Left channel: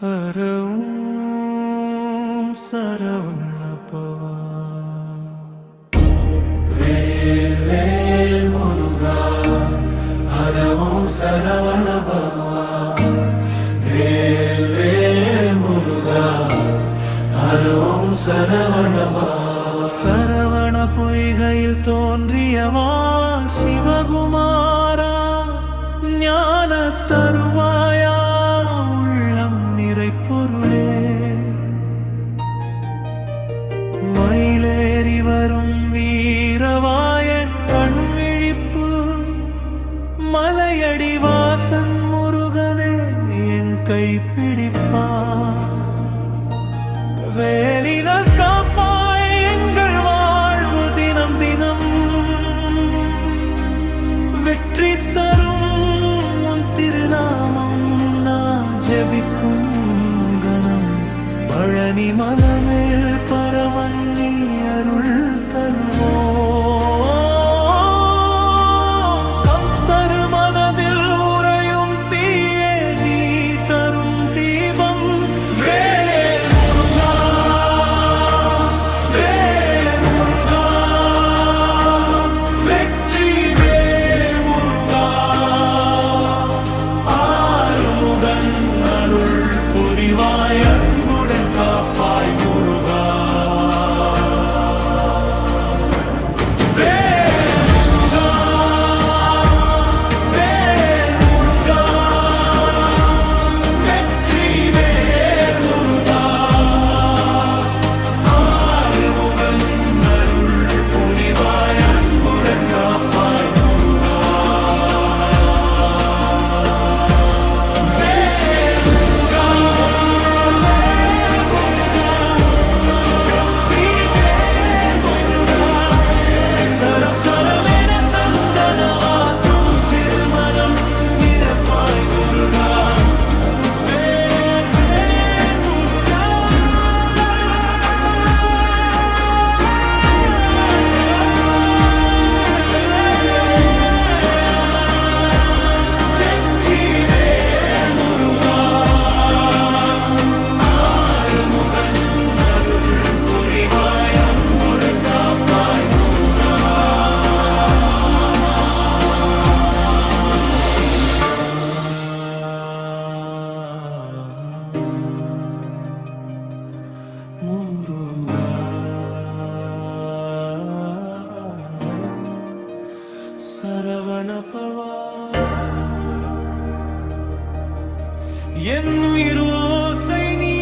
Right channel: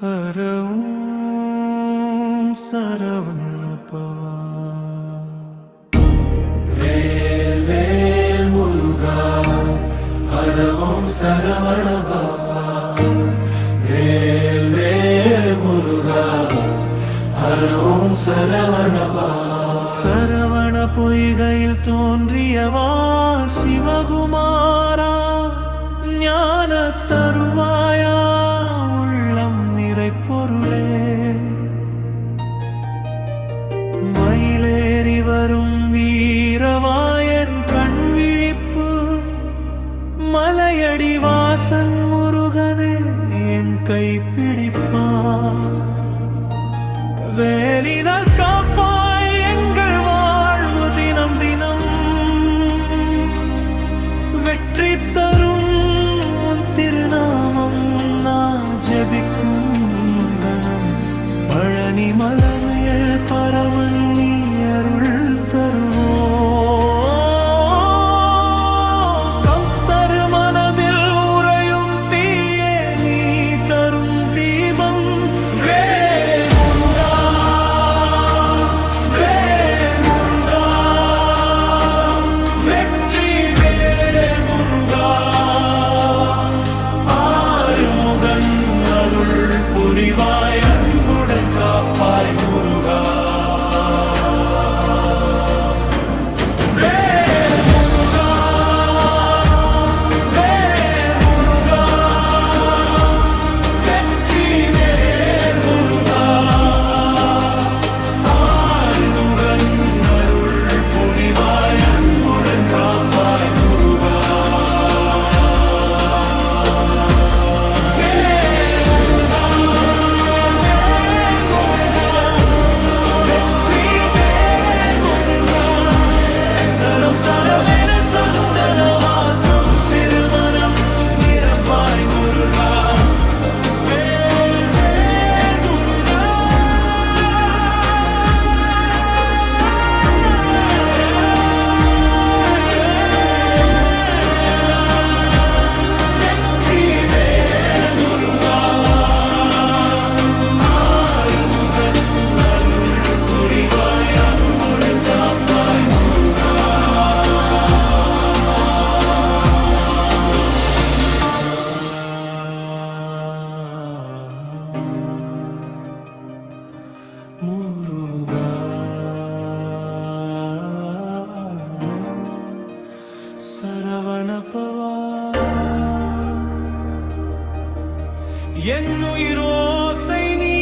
ஹரவும் சரவணபவா வேல் வேல் முருகா ஹரவும் சரவணபவா வேல் வேல் முருகா ஹரவும் சரவணபவா சரவண பொய்கையில் தோன்றியவா சிவகுமாரா ஞான தருவாயா உள்ளம் நிறை பொருளே மயிலேறி வரும் வீரவாயன் கண் விழிப்பு மலையடி வாசன் முருகனே என் கை பிடிப்பா வேலினால் காப்பாய் எங்கள் வாழ்வு தினம் தினம் வெற்றி தரும் உன் திருநாமம் நான் ஜெபிக்கும் கணம் பழனி மலமேல் பரவன் நீ அருள் தருவோ கம் தரு மனதில் உறையும் தீயே நீ தரும் தீபம் வேல் முருகா வேல் முருகா வெற்றி வேல் முருகா ஆறுமுகன் அருள் புரிவாய் அன்புடன் காப்பாய் முருகா வேல் முருகா வேல் முருகா வெற்றி வேல் முருகா ஆறுமுகன் அருள் புரிவாய் அன்புடன் காப்பாய் முருகா வேல் முருகா வேல் முருகா வெற்றி வேல் முருகா சரம் சரமென சந்தன வாசம் சிறுமனம் நிரப்பாய் முருகா வேல் வேல் முருகா வெற்றி வேல் முருகா ஆறுமுகன் அருள் புரிவாய் அன்புடன் காப்பாய் முருகா முருகா சரவணபவா என் உயிர் ஓசை நீ